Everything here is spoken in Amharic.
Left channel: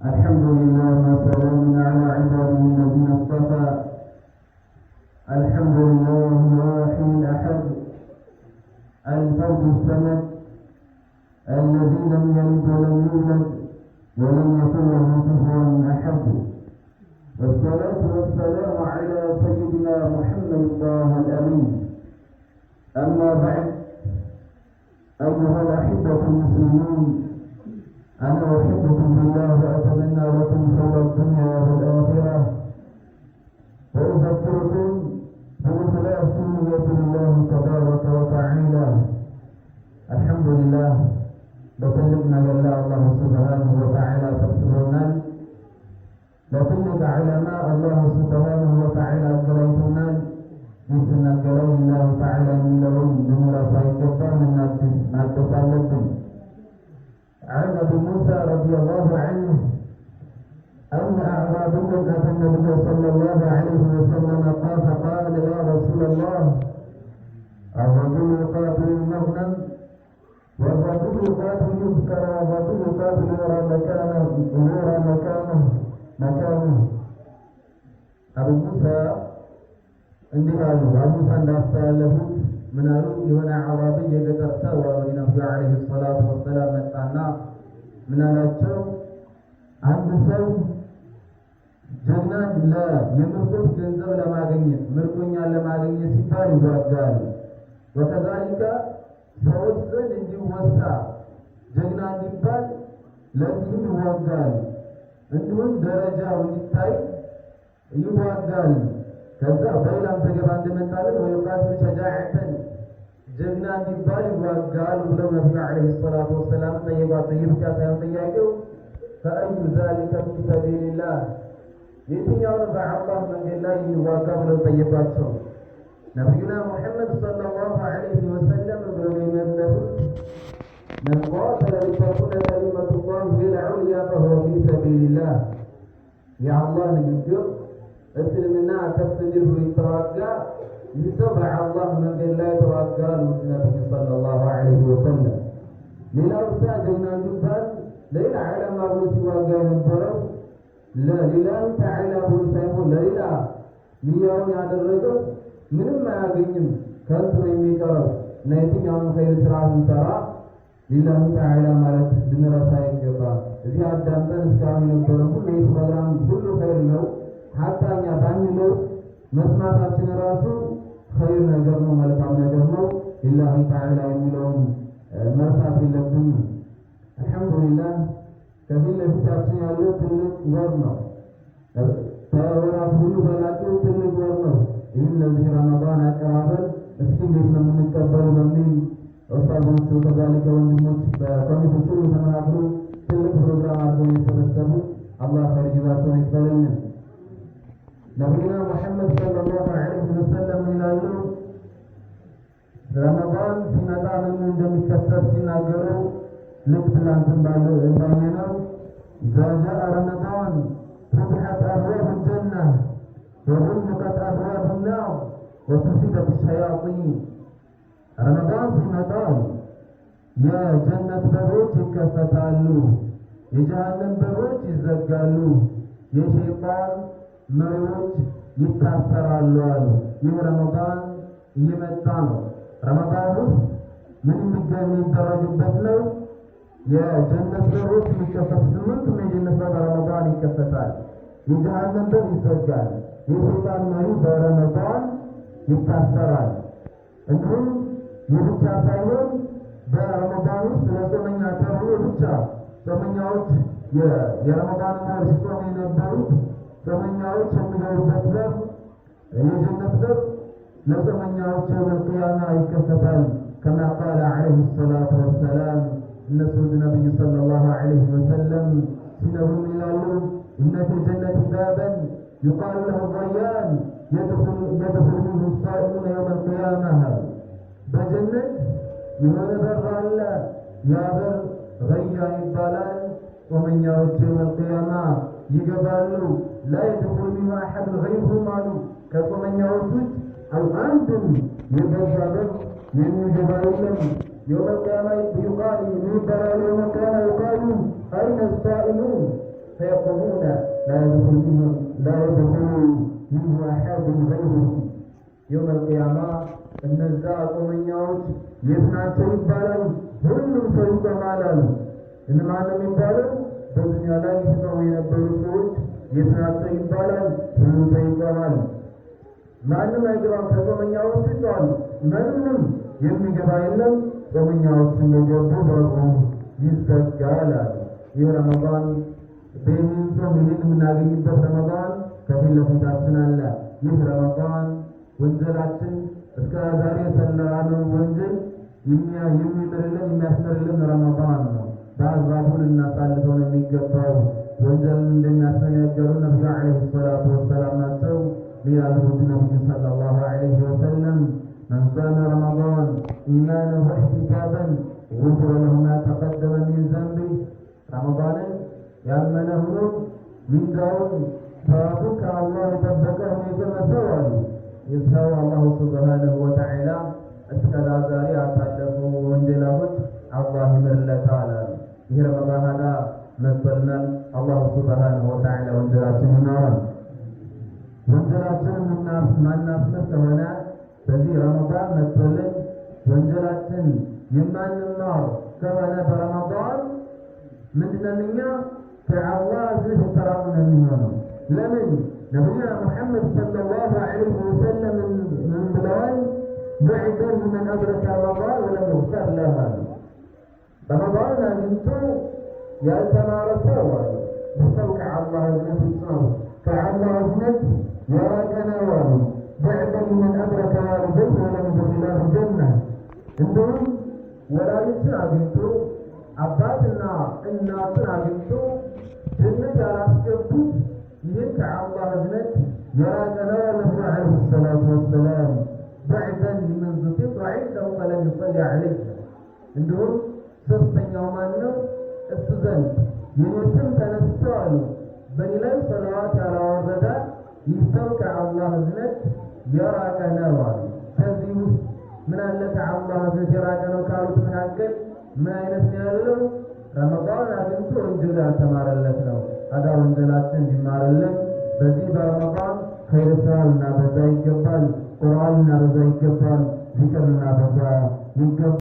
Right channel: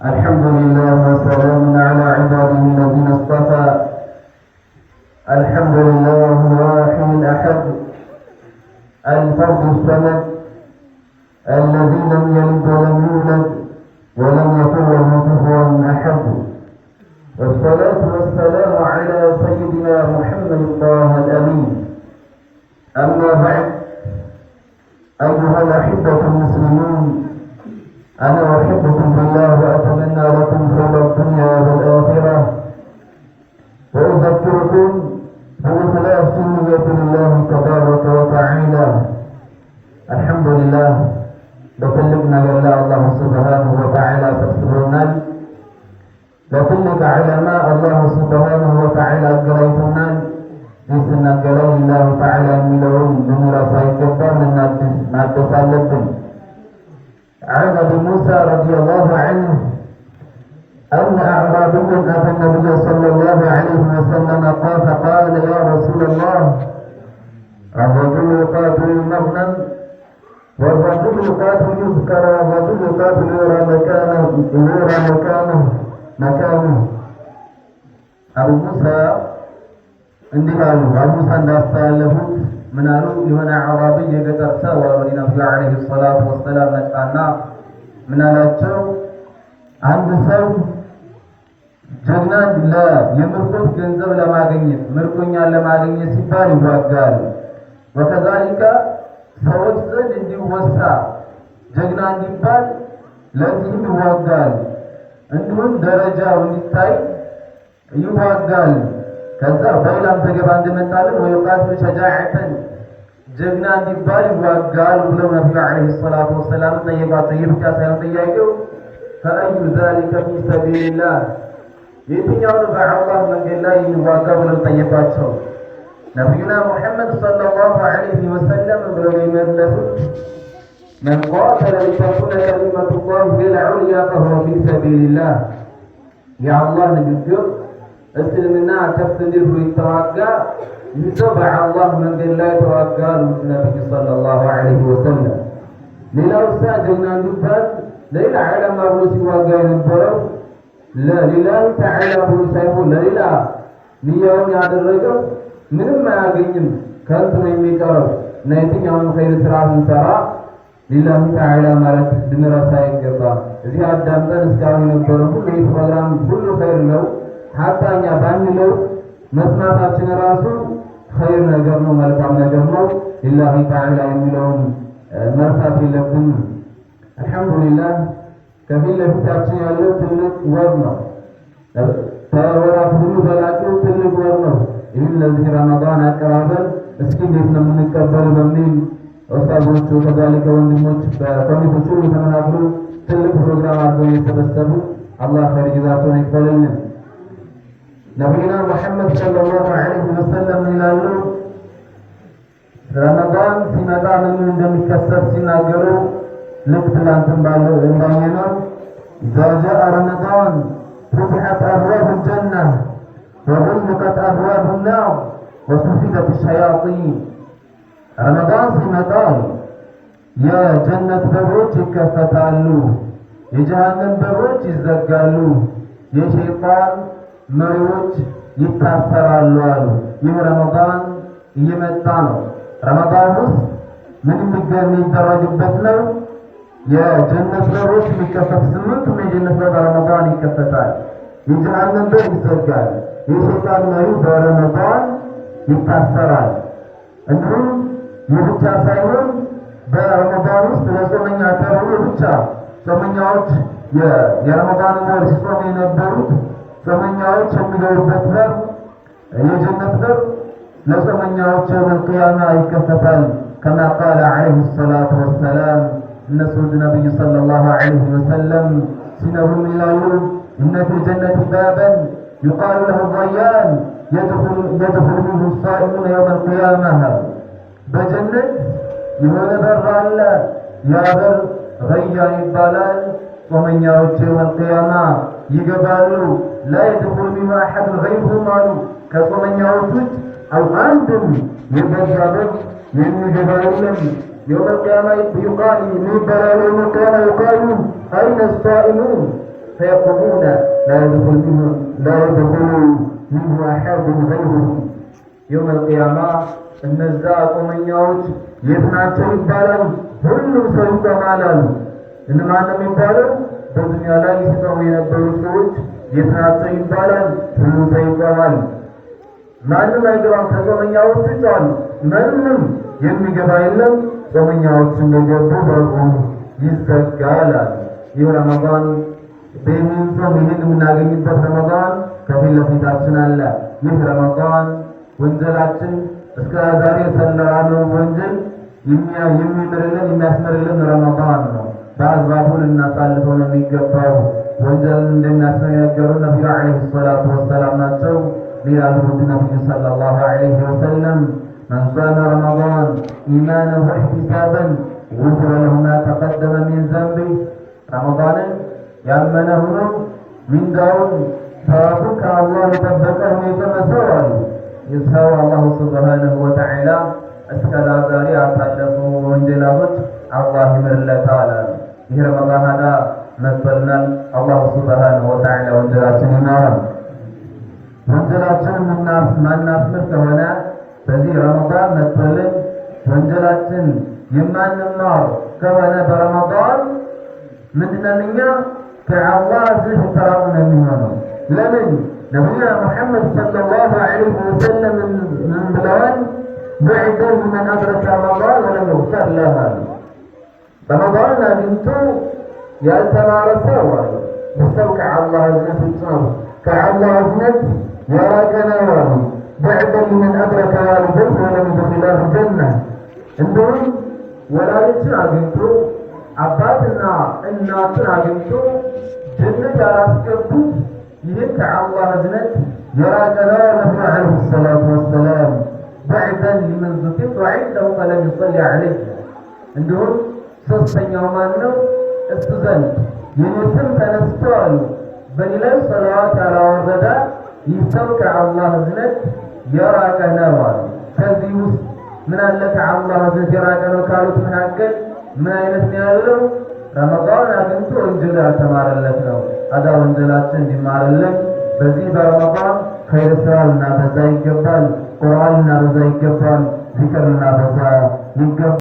الحمد لله وسلام على عباده الذين اصطفى. الحمد لله الواحد الأحد الفرد الصمد الذي لم يلد ولم يولد ولم يكن له كفوا أحد، والصلاة والسلام على سيدنا محمد طه الأمين. أما بعد، أيها الأحبة المسلمون، أنا أحبكم بالله وأتمنى لكم خير الدنيا والآخرة، وأذكركم بإخلاص النية لله تبارك وتعالى. الحمد لله بتلقنا لله الله سبحانه وتعالى تكسبنا بتلق علماء الله سبحانه وتعالى قريتنا بسنا قري الله تعالى ملون بمراسي كبار من ما تسالبن. عن ابي موسى رضي الله عنه ان اعرابيا اتى النبي صلى الله عليه وسلم فقال يا رسول الله، الرجل يقاتل المغنم والرجل يقاتل يذكر والرجل يقاتل يرى مكانه. ابو موسى እንዲህ አሉ። አቡ ሙሳ እንዳስተላለፉት ምን አሉ? የሆነ አዕራቢ የገጠር ሰው ወደ ነብዩ አለይሂ ሰላቱ ወሰላም መጣና ምን አላቸው? አንድ ሰው ጀግና የምርኮት ገንዘብ ለማግኘት ምርኮኛን ለማግኘት ሲባል ይዋጋል። ወከዛሊካ ሰዎች ዘንድ እንዲወሳ ጀግና እንዲባል ለዚህም ይዋጋል። እንዲሁም ደረጃው እንዲታይ ይዋጋል። ከዛ በሌላም ተገባ እንደመጣልን ወይቃቱ ሸጃዓተን ጀግና እንዲባል ይዋጋል ብለው ነብዩ አለይሂ ሰላቱ ወሰላም ጠየቋቸው። ይህ ብቻ ሳይሆን ጥያቄው ፈአዩ ዛሊከ ፊ ሰቢልላህ፣ የትኛውን በአላህ መንገድ ላይ ይዋጋ ብለው ጠየቋቸው። ነብዩና ሙሐመድ ሰለላሁ ዐለይሂ ወሰለም ብለው የመለሱት መን ቃተለ ሊተኩነ ከሊመቱላሂ ሂየል ዑልያ ፈሁወ ፊ ሰቢልላህ፣ የአላህ ንግግር እስልምና ከፍ እንዲል ብሎ የተዋጋ ይህ ሰው በአላህ መንገድ ላይ ተዋጋ አሉት ነቢዩ ሰለላሁ ዐለይሂ ወሰለም። ሌላው ሳ ጀግና እንዲባል ለሌላ ዓላማ ብሎ ሲዋጋ የነበረው ለሊላሂ ተዓላ ብሎ ሳይሆን ለሌላ ንያውን ያደረገው ምንም አያገኝም፣ ከንቱ ነው የሚቀረው እና የትኛውን ኸይር ስራ ስንሰራ ሊላሂ ተዓላ ማለት ልንረሳ አይገባም። እዚህ አዳምጠን እስካሁን የነበረው ሁሉ ይህ ፕሮግራም ሁሉ ኸይር ነው። ሀታኛ ባንለው መስማታችን ራሱ ኸይር ነገር ነው፣ መልካም ነገር ነው። ሊላሂ ተዓላ የሚለውን መርሳት የለብንም። አልሐምዱሊላህ ከፊት ለፊታችን ያለው ትልቅ ወር ነው። ከወራት ሁሉ በላቂው ትልቅ ወር ነው። ይህም ለዚህ ረመዳን አቀራረብ እስኪ እንዴት ነው የምንቀበል በሚል ኡስታዞቹ ከዛሊከ ወንድሞች በኮሚቴዎቹ ተመናግሮ ትልቅ ፕሮግራም አድርገው የተሰበሰቡ አላህ ኸይር ጀዛቸውን ይክፈልልን። ነቢዩና ሙሐመድ ሰለላሁ ዐለይሂ ወሰለም ይላሉ፣ ረመዳን ሲመጣ ምን እንደሚከሰት ሲናገሩ ልክ ትላንትን ባለው እንዳየነው ኢዛ ጃአ ረመዳን ፉቲሐት አብዋቡ ልጀና ወغلقت አብዋቡ ናር ወሱፊደት ሸያጢን። ረመዳን ሲመጣ የጀነት በሮች ይከፈታሉ፣ የጀሃነም በሮች ይዘጋሉ፣ የሸይጣን መሪዎች ይታሰራሉ አሉ። ይህ ረመዳን እየመጣ ነው። ረመዳን ውስጥ ምን የሚደረግበት ነው? የጀነት በሮች የሚከፈት 8 የጀነት በር በረመዳን ይከፈታል። የጀሃነም በር ይዘጋል። የሸይጣን መሪ በረመዳን ይታሰራል። እንዲሁም ይህ ብቻ ሳይሆን በረመዳን ውስጥ ለጾመኛ ተብሎ ብቻ ጾመኛዎች የረመዳን ወር ሲጾሙ የነበሩት ጾመኛዎች የሚገቡበት በር የጀነት በር ለጾመኛዎች የውመል ቂያማ ይከፈታል። ከማ ቃለ ዐለይሂ ሰላቱ ወሰላም እነሱ ነቢዩ ሰለላሁ ዐለይሂ ወሰለም ሲነግሩ ይላሉ፣ ኢነ ፊል ጀነቲ ባበን ዩቃሉ ለሁ ረያን የድኹሉ ሚንሁ ሳኢሙነ የውመል ቂያማ። በጀነት የሆነ በር አለ፣ ያ በር ረያን ይባላል። ጾመኛዎች የውመል ቂያማ ይገባሉ። ላ የድኹሉ ሚንሁ አሐዱን ገይሩሁም አሉ። ከጾመኛዎች ውጭ አንድም የበዛ በር የሚገባ የለም። የውመል ቂያማ ይቃል ይባላል። የውመል ቂያማ ይቃሉ አይነ ሳኢሙን فيقومون لا يدخل منه أحد غيره يوم القيامة እነዛ ቆመኛዎች የት ናቸው ይባላል። ሁሉም ሰው ይቆማሉ። እነማን ነው የሚባለው? በዱንያ ላይ ሲቆሙ የነበሩ ሰዎች የት ናቸው ይባላል። ሁሉም ሰው ይቆማል። ማንም አይገባም ከጾመኛዎች ውጭ አሉ። ማንም የሚገባ የለም። ጾመኛዎች እንደገቡ በቁም ይዘጋል። ይህ ረመዳን በሚጾም ይህን የምናገኝበት ረመዳን ከፊት ለፊታችን አለ። ይህ ረመዳን ወንጀላችን እስከ ዛሬ የሰራነው ወንጀል የሚምርልን የሚያስምርልን ረመዳን ነው። በአግባቡ ልናሳልፈው ነው የሚገባው። ወንጀልን እንደሚያስነገሩ ነቢዩ ዓለይሂ ሰላቱ ወሰላም ናቸው። ሊላሉ ነቢዩ ሰለላሁ ዐለይሂ ወሰለም መን ሷመ ረመዳን ኢማነን ወኢሕቲሳበን ጉፊረ ለሁ ማ ተቀደመ ሚን ዘንቢህ ረመዳንን ያመነ ሆኖ ሚንዳውን ሰዋቡን ከአላህ የጠበቀ ሆኖ የቆመ ሰው አሉ። ይሰው አላሁ ሱብሓነሁ ወተዓላ እስከ ዛሬ ያሳለፉ ወንጀላቶች አላህ ይምርለታል። ይህ ረመዳን ሀዳ መጥቶልናል። አላሁ ሱብሓነሁ ወተዓላ ወንጀላችን ይማራል። ወንጀላችን ማናስምር ከሆነ በዚህ ረመዳን መጥቶልን ወንጀላችን የማንማር ከሆነ በረመዳን ምንድነው እኛ ከአላህ ዝህ ተራቁ ነው የሚሆነው። ለምን ነቢዩ ሙሐመድ ሰለላሁ ዐለይሂ ወሰለም ምን ብለዋል? بعد من أدرك رمضان ولم يغفر له رمضان አግኝቶ ያልተማረ ሰው ሰው ከአላህ እዝነት ይጻፍ ከአላህ እዝነት የራቀ ነው። بعد من أدرك والديه ولم يدخله الجنة እንደውም ወላጆችን አግኝቶ አባትና እናትን አግኝቶ ጀነት ያላስገቡት ይህ ከአላህ እዝነት የራቀ ነው። ነቢዩ ዓለይሂ ሰላቱ ወሰላም بعدا لمن ذكرت عنده فلم يصلي عليه እንደውም ሶስተኛው ማን ነው? እሱ ዘንድ የኔ ስም ተነስቷል በእኔ ላይ ሰላዋት ያላወረደ ይህ ሰው ከአላህ እዝነት የራቀ ነው አሉ። ከዚህ ውስጥ ምን አለ ከአላህ እዝነት የራቀ ነው ካሉት መካከል ምን አይነት ነው ያለው? ረመዳን አግኝቶ ወንጀል ያልተማረለት ነው። አዳ ወንጀላችን እንዲማርልን በዚህ በረመዳን ኸይር ስራ ልናበዛ ይገባል። ቁርአን ልናበዛ ይገባል። ዚክር ልናበዛ ይገባል።